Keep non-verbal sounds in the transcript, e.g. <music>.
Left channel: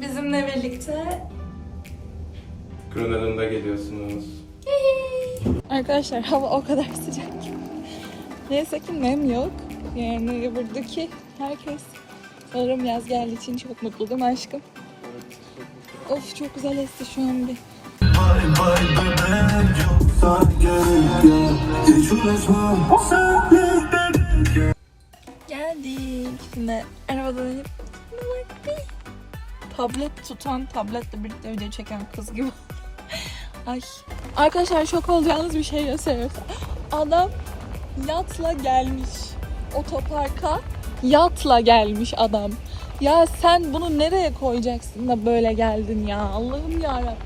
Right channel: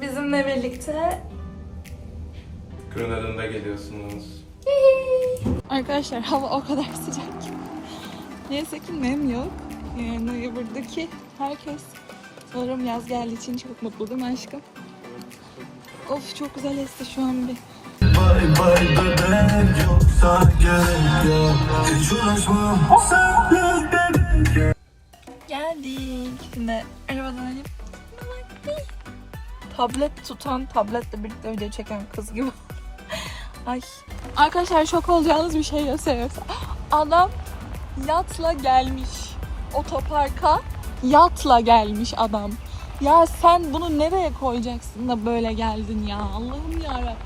bizimle birlikte Grönland'a geliyorsunuz. Arkadaşlar hava o kadar sıcak ki. Neyse ki nem yok. Yani buradaki herkes sanırım yaz geldiği için çok mutlu değil mi aşkım? Of çok güzel esti şu an bir. Geldik. Şimdi arabadan inip tablet tutan, tabletle birlikte video çeken kız gibi. <laughs> Ay. Arkadaşlar şok olacağınız bir şey gösteriyorum. Adam yatla gelmiş otoparka. Yatla gelmiş adam. Ya sen bunu nereye koyacaksın da böyle geldin ya? Allah'ım ya.